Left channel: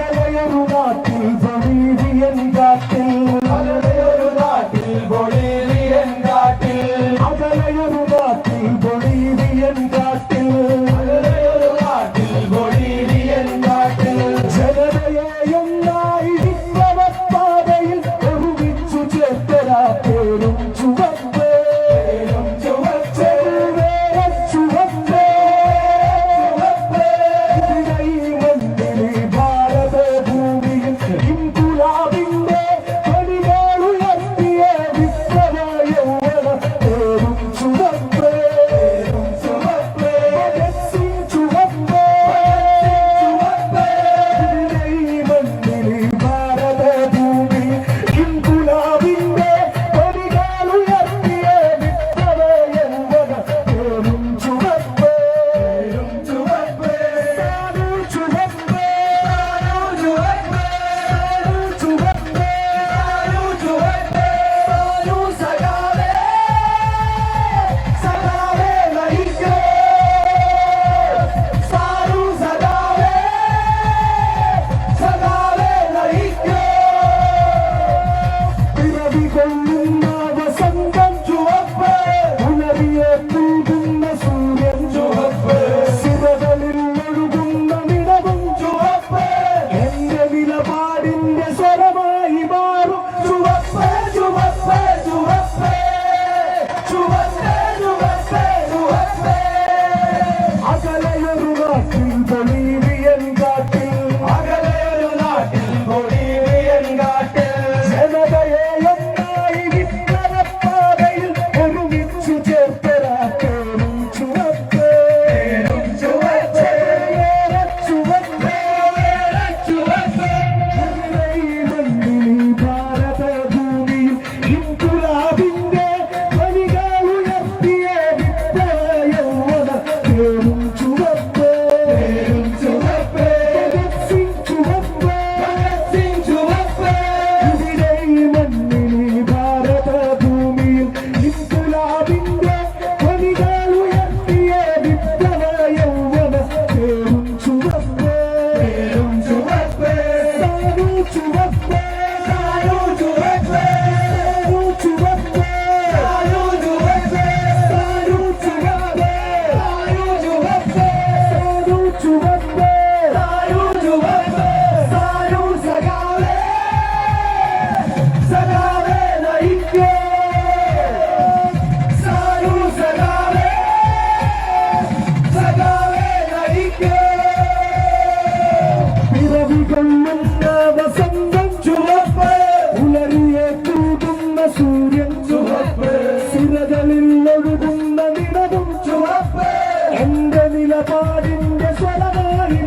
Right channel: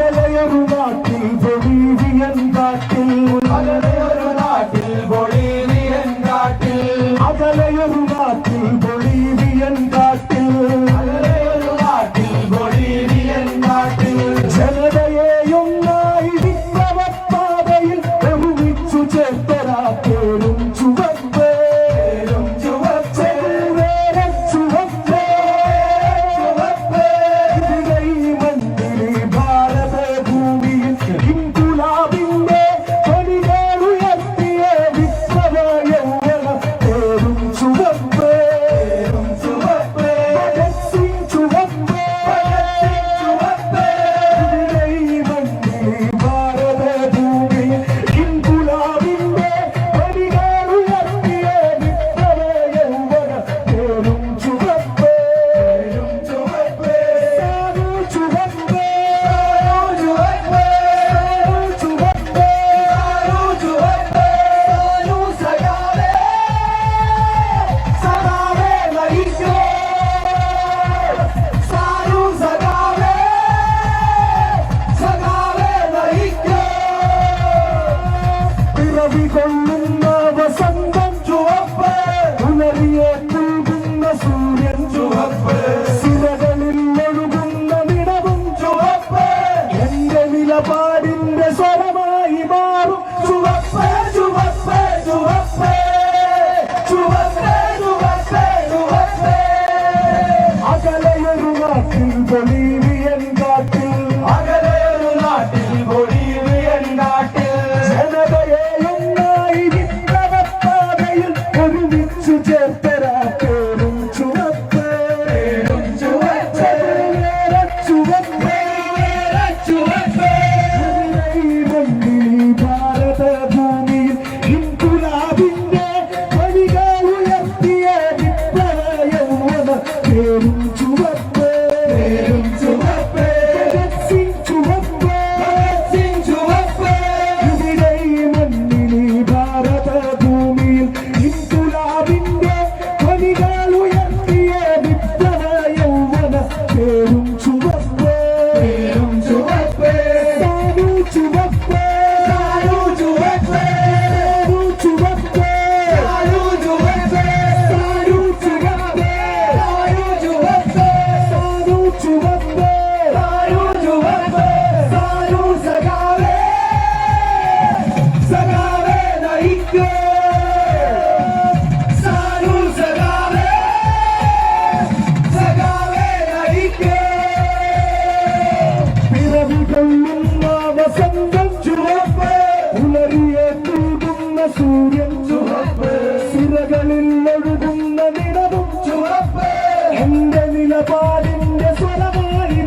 അകലയൊരു നാട്ടിൽ ബൊളീവിയൻ കാട്ടിൽ അകലയൊരു നാട്ടിൽ ബൊളീവിയൻ കാട്ടിൽ അകലയൊരു നാട്ടിൽ ബൊളീവിയൻ കാട്ടിൽ അകലയൊരു നാട്ടിൽ ബൊളീവിയൻ കാട്ടിൽ ജനതയെയൊന്നായി വിപ്ലവപ്പാതയിൽ ഒരുമിച്ചു ചേർത്തരാ പേരും ചുവപ്പേ ചുവപ്പേ ചുവപ്പേ ചുവപ്പേ ഭാരത ഭൂമിയിൽ ഇൻകുലാബിന്റെ കൊടികളുയർത്തിയ വിപ്ലവ യൗവന പേരും ചുവപ്പേ ചുവപ്പേ ചുവപ്പേ ഭാരത ഭൂമിയിൽ ഇൻകുലാബിന്റെ കൊടികളുയർത്തിയ വിപ്ലവ യൗവന പേരും ചുവപ്പേ ചുവപ്പേ ചുവപ്പേ വസന്തം ചുവപ്പ് പുലരിയെ തൂകുന്ന സൂര്യൻ ചുവപ്പ് സിരകളിൽ ഒഴുകുന്ന നിടവും ചുവപ്പ് എന്റെ നിലപാടിന്റെ സ്വരമായി മാറും ചുവപ്പ് ചുവപ്പ് ചുവപ്പ് ചുവപ്പ് ചുവപ്പ് ചുവപ്പ് അകലയൊരു നാട്ടിൽ ബൊളീവിയൻ കാട്ടിൽ അകലയൊരു നാട്ടിൽ ബൊളീവിയൻ കാട്ടിൽ ജനതയെയൊന്നായി വിപ്ലവപ്പാതയിൽ ഒരുമിച്ചു ചേർത്തരാ പേരും ചുവപ്പ് ചുവപ്പ് ചുവപ്പ് ചുവപ്പ് ഭാരത ഭൂമിയിൽ ഇൻകുലാബിന്റെ കൊടികളുയർത്തിയ വിപ്ലവ യൗവന പേരും ചുവപ്പ് ചുവപ്പ് ചുവപ്പ് ചുവപ്പ് ഇവിടെ ഈ മണ്ണിൽ ഭാരത ഭൂമിയിൽ ഇൻകുലാബിന്റെ കൊടികളുയർത്തിയ വിപ്ലവ യൗവന പേരും ചുവപ്പ് ചുവപ്പ് ചുവപ്പ് ചുവപ്പ് ചുവപ്പ് പിറവികൊള്ളുന്ന വസന്തം ചുവപ്പ് പുലരിയെ തൂകുന്ന സൂര്യൻ ചുവപ്പ് സിരകളിൽ ഒഴുകുന്ന നിലവും ചുവപ്പ് എന്റെ നിലപാടിന്റെ സ്വരമായി